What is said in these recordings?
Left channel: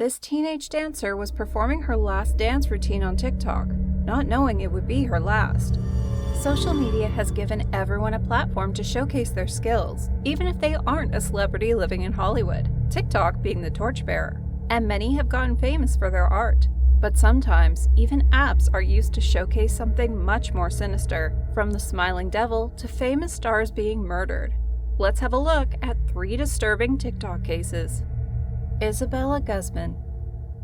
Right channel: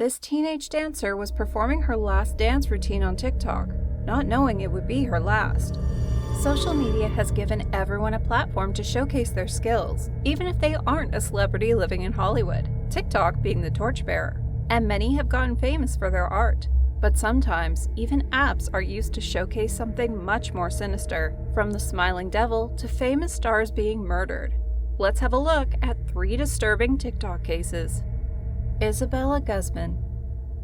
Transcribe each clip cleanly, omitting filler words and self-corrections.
This teenage dancer was performing her last dance routine on TikTok, not knowing it would be her last. Social media has given everyone a platform to showcase their skills, even if they aren't a celebrity living in Hollywood, TikTok being the torchbearer. And many have gotten famous for their art. But sometimes, even apps are used to showcase something much more sinister, from the smiling devil to famous stars being murdered. Let's have a look at 3 disturbing TikTok cases. Isabella Guzman.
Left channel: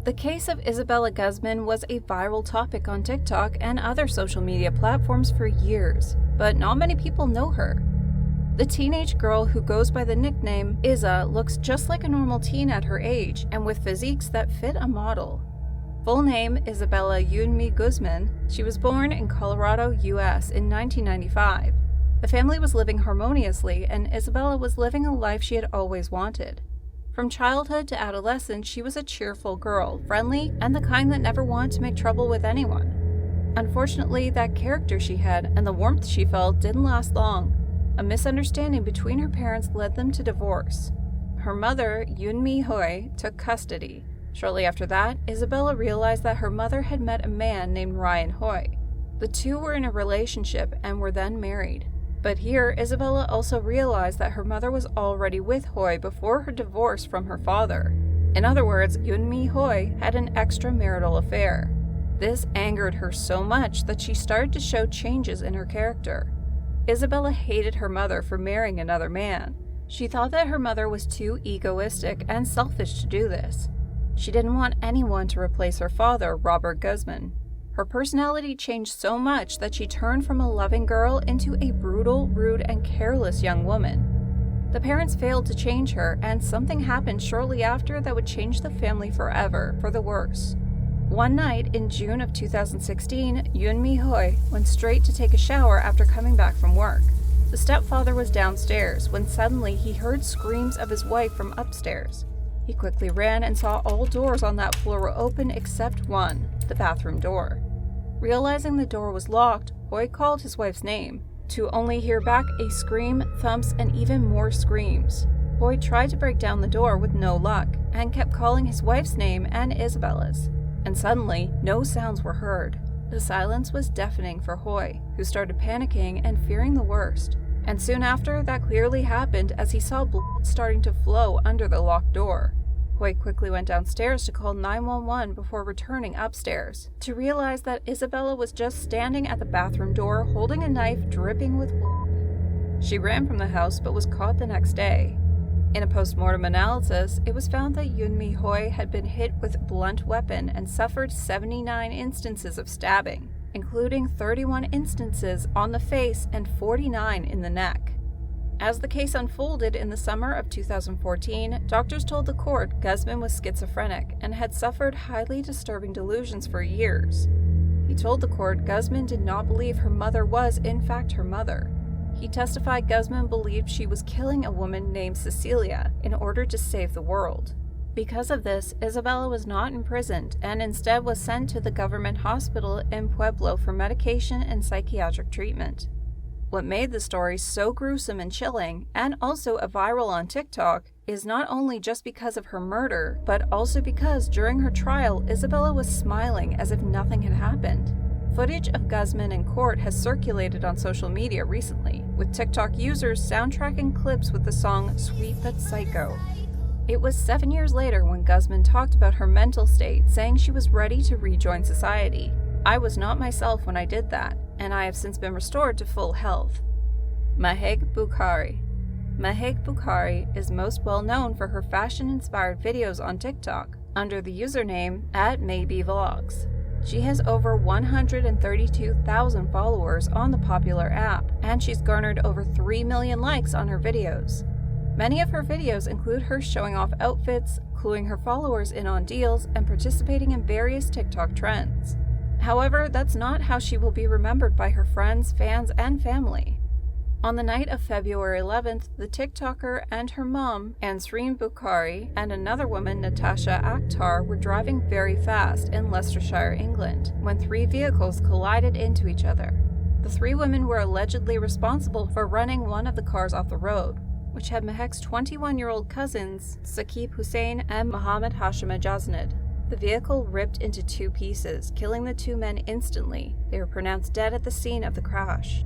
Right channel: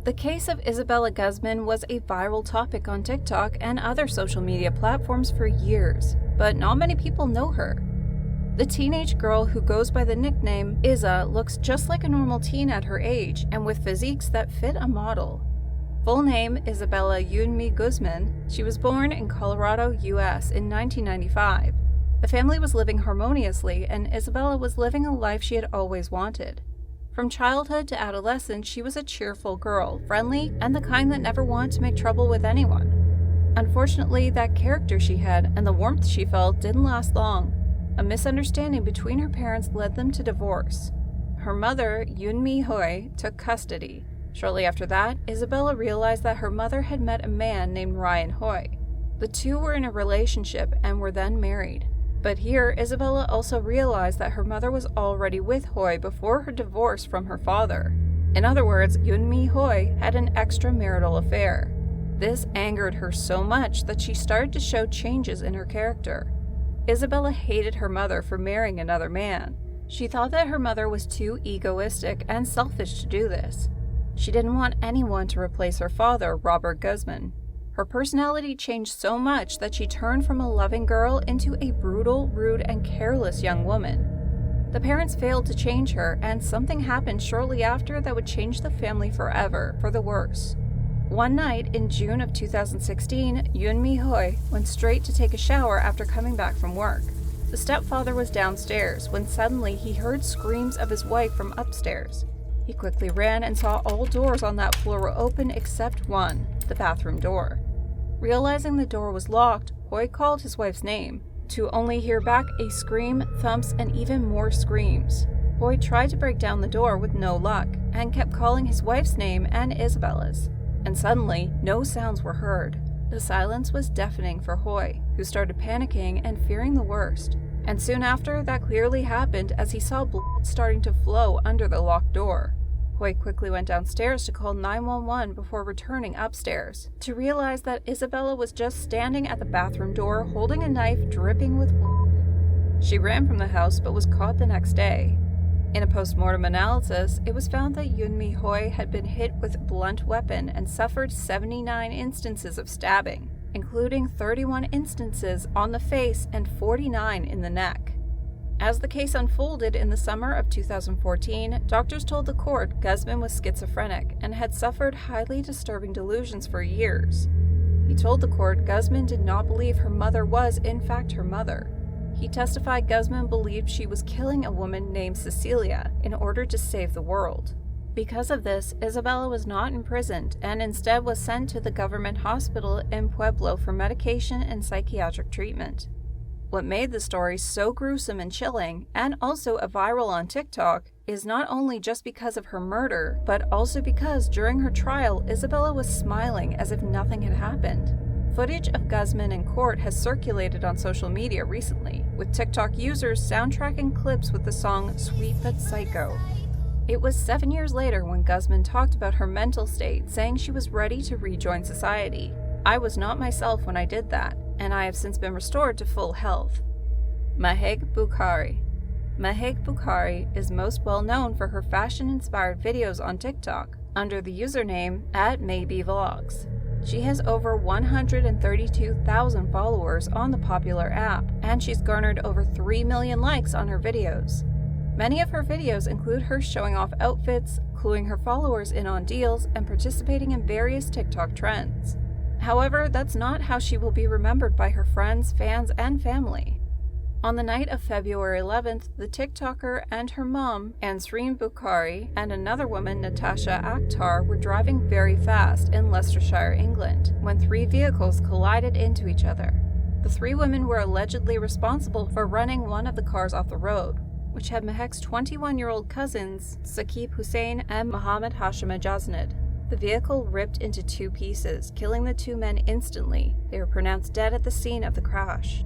The case of Isabella Guzman was a viral topic on TikTok and other social media platforms for years, but not many people know her. The teenage girl who goes by the nickname Isa looks just like a normal teen at her age and with physiques that fit a model. Full name Isabella Guzman. She was born in Colorado, US in 1995. The family was living harmoniously and Isabella was living a life she had always wanted. From childhood to adolescence, she was a cheerful girl, friendly, and the kind that never wanted to make trouble with anyone. Unfortunately, that character she had and the warmth she felt didn't last long. A misunderstanding between her parents led them to divorce. Her mother, Yoonmi Hoi, took custody. Shortly after that, Isabella realized that her mother had met a man named Ryan Hoi. The two were in a relationship and were then married. But here, Isabella also realized that her mother was already with Hoi before her divorce from her father. In other words, Yoonmi Hoi had an extramarital affair. This angered her so much that she started to show changes in her character. Isabella hated her mother for marrying another man. She thought that her mother was too egoistic and selfish to do this. She didn't want anyone to replace her father, Robert Guzman. Her personality changed so much that she turned from a loving girl into a brutal, rude, and careless young woman. The parents failed to change her, and something happened shortly after that would change the family forever, for the worse. One night in June of 2016, Yoonmi Hoi went straight to take a shower after coming back from work. The stepfather was downstairs when suddenly he heard screams of his wife from upstairs. He quickly ran and saw all doors on that floor were open except one, the bathroom door. Realizing the door was locked, Hoi called his wife's name, to only hear back a scream, thumps, and even more screams. Hoi tried to break down the door with no luck, and kept calling his wife's name and Isabella's. And suddenly, no sounds were heard. The silence was deafening for Hoi, who started panicking and fearing the worst. And soon after, that clearly happened as he saw blood starting to flow under the locked door. Hoi quickly went downstairs to call 911 before returning upstairs, to realize that Isabella was just standing at the bathroom door holding a knife dripping with blood. She ran from the house but was caught the next day. In a post-mortem analysis, it was found that Yoonmi Hoi had been hit with a blunt weapon and suffered 79 instances of stabbing, including 31 instances on the face and 49 in the neck. As the case unfolded in the summer of 2014, doctors told the court Guzman was schizophrenic and had suffered highly disturbing delusions for years. He told the court Guzman did not believe her mother was, in fact, her mother. He testified Guzman believed she was killing a woman named Cecilia in order to save the world. Because of this, Isabella was not imprisoned and instead was sent to the government hospital in Pueblo for medication and psychiatric treatment. What made the story so gruesome and chilling, and also a viral on TikTok, is not only just because of her murder, but also because during her trial, Isabella was smiling as if nothing had happened. Footage of Guzman in court has circulated on social media recently, with TikTok users soundtracking clips with the song Sweet But Psycho. It was 7 years later when Guzman talked about her mental state, saying she was ready to rejoin society. I was not myself when I did that, and I have since been restored to full health. Mahek Bukhari. Mahek Bukhari is most well known for her fashion-inspired videos on TikTok under the username @MaybeVlogs. She has over 132,000 followers on the popular app, and she's garnered over 3 million likes on her videos. Many of her videos include her showing off outfits, cluing her followers in on deals, and participating in various TikTok trends. However, that's not how she will be remembered by her friends, fans, and family. On the night of February 11th, the TikToker and her mom, Ansreen Bukhari, and another woman, Natasha Akhtar, were driving very fast in Leicestershire, England, when 3 vehicles collided into each other. The 3 women were allegedly responsible for running one of the cars off the road. which had Mahek's 21-year-old cousins, Saqib Hussein and Mohammed Hashim Ajaznid. The vehicle ripped into 2 pieces, killing the 2 men instantly. They were pronounced dead at the scene of the crash.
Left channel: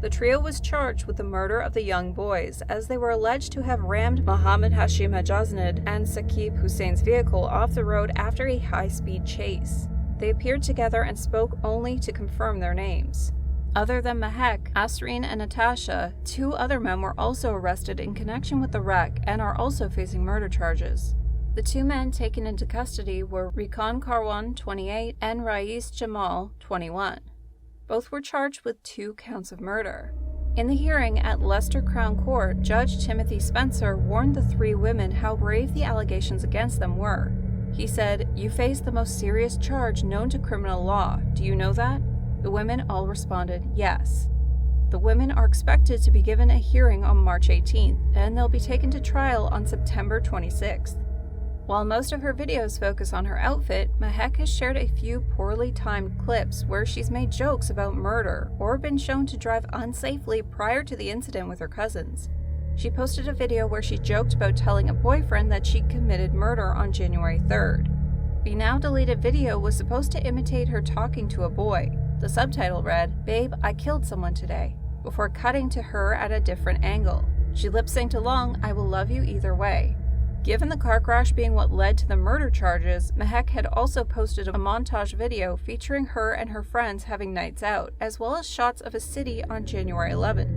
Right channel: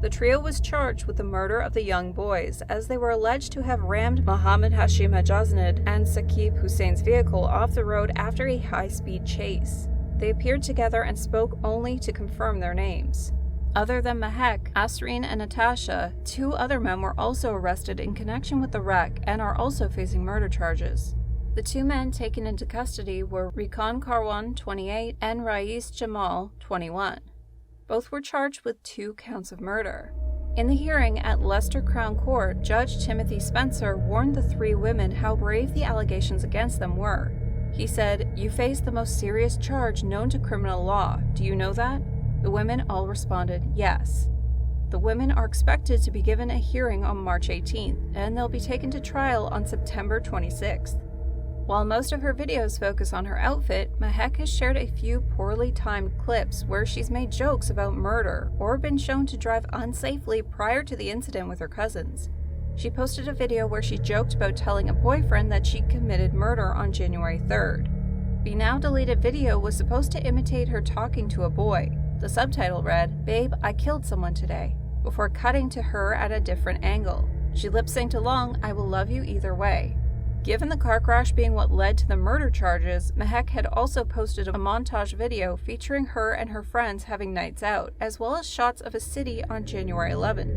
The trio was charged with the murder of the young boys, as they were alleged to have rammed Mohammed Hashim Ajaznid and Saqib Hussein's vehicle off the road after a high-speed chase. They appeared together and spoke only to confirm their names. Other than Mahek, Asreen and Natasha, 2 other men were also arrested in connection with the wreck and are also facing murder charges. The 2 men taken into custody were Rikan Karwan, 28, and Rais Jamal, 21. Both were charged with 2 counts of murder. In the hearing at Leicester Crown Court, Judge Timothy Spencer warned the 3 women how grave the allegations against them were. He said, "You face the most serious charge known to criminal law. Do you know that?" The women all responded, yes. The women are expected to be given a hearing on March 18th, and they'll be taken to trial on September 26th. While most of her videos focus on her outfit, Mahek has shared a few poorly timed clips where she's made jokes about murder or been shown to drive unsafely prior to the incident with her cousins. She posted a video where she joked about telling a boyfriend that she committed murder on January 3rd. The now deleted video was supposed to imitate her talking to a boy. The subtitle read, "Babe, I killed someone today," before cutting to her at a different angle. She lip-synced along, "I will love you either way." Given the car crash being what led to the murder charges, Mahek had also posted a montage video featuring her and her friends having nights out, as well as shots of a city on January 11th.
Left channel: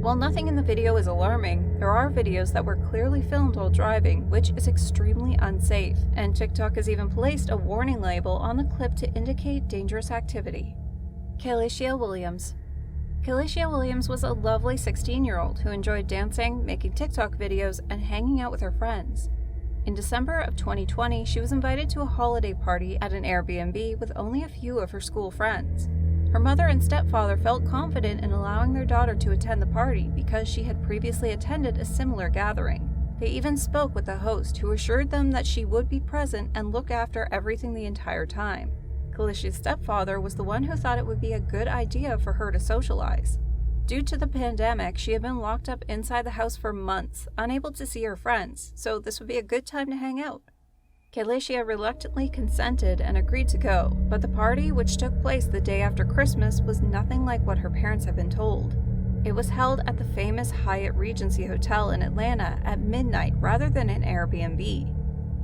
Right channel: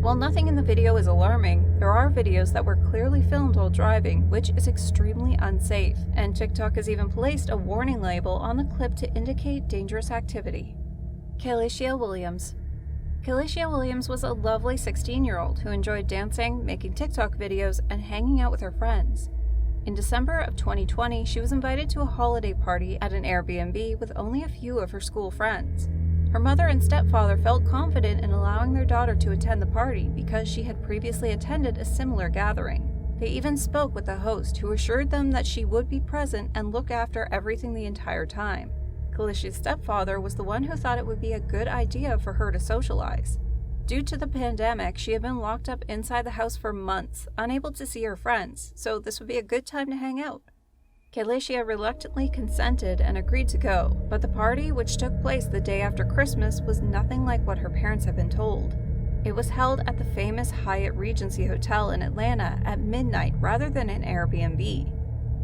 While nothing in the video is alarming, there are videos that were clearly filmed while driving, which is extremely unsafe, and TikTok has even placed a warning label on the clip to indicate dangerous activity. Kayla Williams. Kayla Williams was a lovely 16-year-old who enjoyed dancing, making TikTok videos, and hanging out with her friends. In December of 2020, she was invited to a holiday party at an Airbnb with only a few of her school friends. Her mother and stepfather felt confident in allowing their daughter to attend the party because she had previously attended a similar gathering. They even spoke with the host, who assured them that she would be present and look after everything the entire time. Kayla's stepfather was the one who thought it would be a good idea for her to socialize. Due to the pandemic, she had been locked up inside the house for months, unable to see her friends, so this would be a good time to hang out. Kayla reluctantly consented and agreed to go, but the party, which took place the day after Christmas, was nothing like what her parents had been told. It was held at the famous Hyatt Regency Hotel in Atlanta at midnight rather than an Airbnb.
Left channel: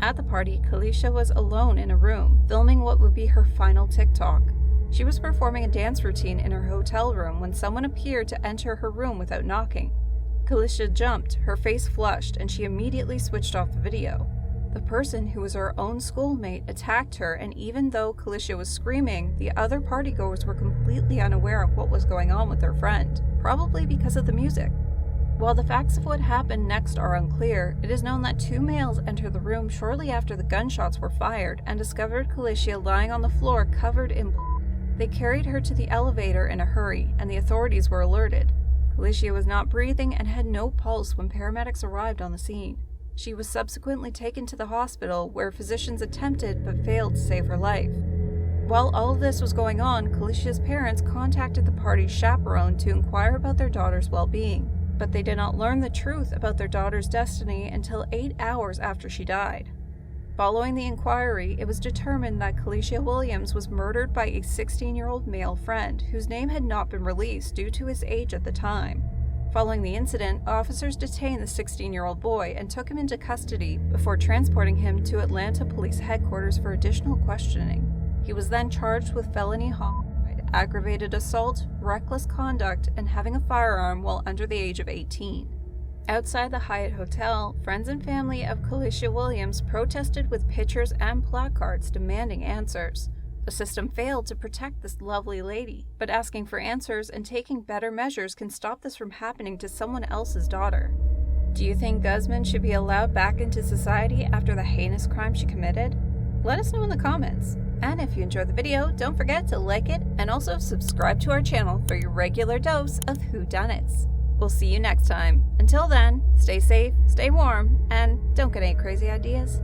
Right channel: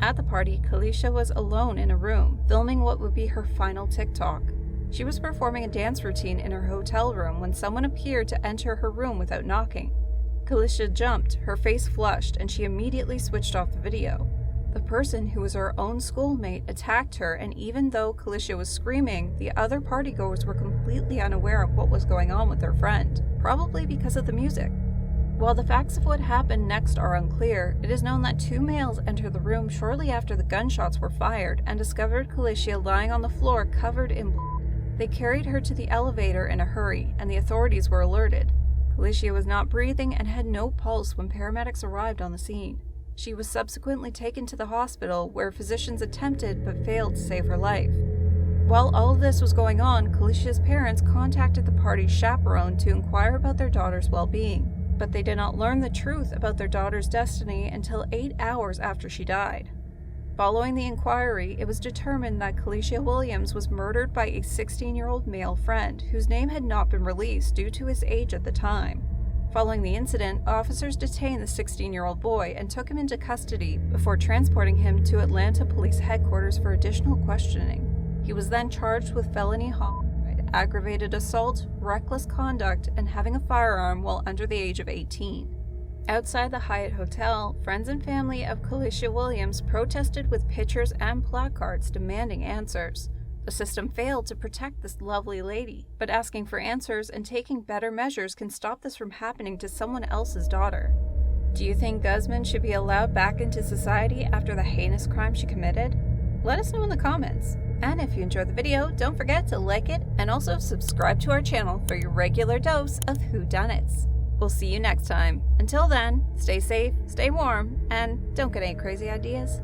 At the party, Kayla was alone in a room, filming what would be her final TikTok. She was performing a dance routine in her hotel room when someone appeared to enter her room without knocking. Kayla jumped, her face flushed, and she immediately switched off the video. The person, who was her own schoolmate, attacked her, and even though Kayla was screaming, the other partygoers were completely unaware of what was going on with their friend, probably because of the music. While the facts of what happened next are unclear, it is known that 2 males entered the room shortly after the gunshots were fired and discovered Kayla lying on the floor covered in blood. They carried her to the elevator in a hurry, and the authorities were alerted. Kayla was not breathing and had no pulse when paramedics arrived on the scene. She was subsequently taken to the hospital, where physicians attempted but failed to save her life. While all of this was going on, Kayla's parents contacted the party's chaperone to inquire about their daughter's well-being, but they did not learn the truth about their daughter's destiny until 8 hours after she died. Following the inquiry, it was determined that Kayla Williams was murdered by a 16-year-old male friend whose name had not been released due to his age at the time. Following the incident, officers detained the 16-year-old boy and took him into custody before transporting him to Atlanta Police Headquarters for additional questioning. He was then charged with felony homicide, aggravated assault, reckless conduct, and having a firearm while under the age of 18. Outside the Hyatt Hotel, friends and family of Kayla Williams protested with pictures and placards demanding answers. The system failed to protect this lovely lady, but asking for answers and taking better measures can stop this from happening to someone else's daughter. Do you think Guzman should be allowed back into society after the heinous crime she committed? Let us know in the comments. And if you enjoyed the video, don't forget to like it and also subscribe to our channel for your regular dose of whodunits. We'll see you next time. Until then, stay safe, stay warm, and don't get any crazy ideas.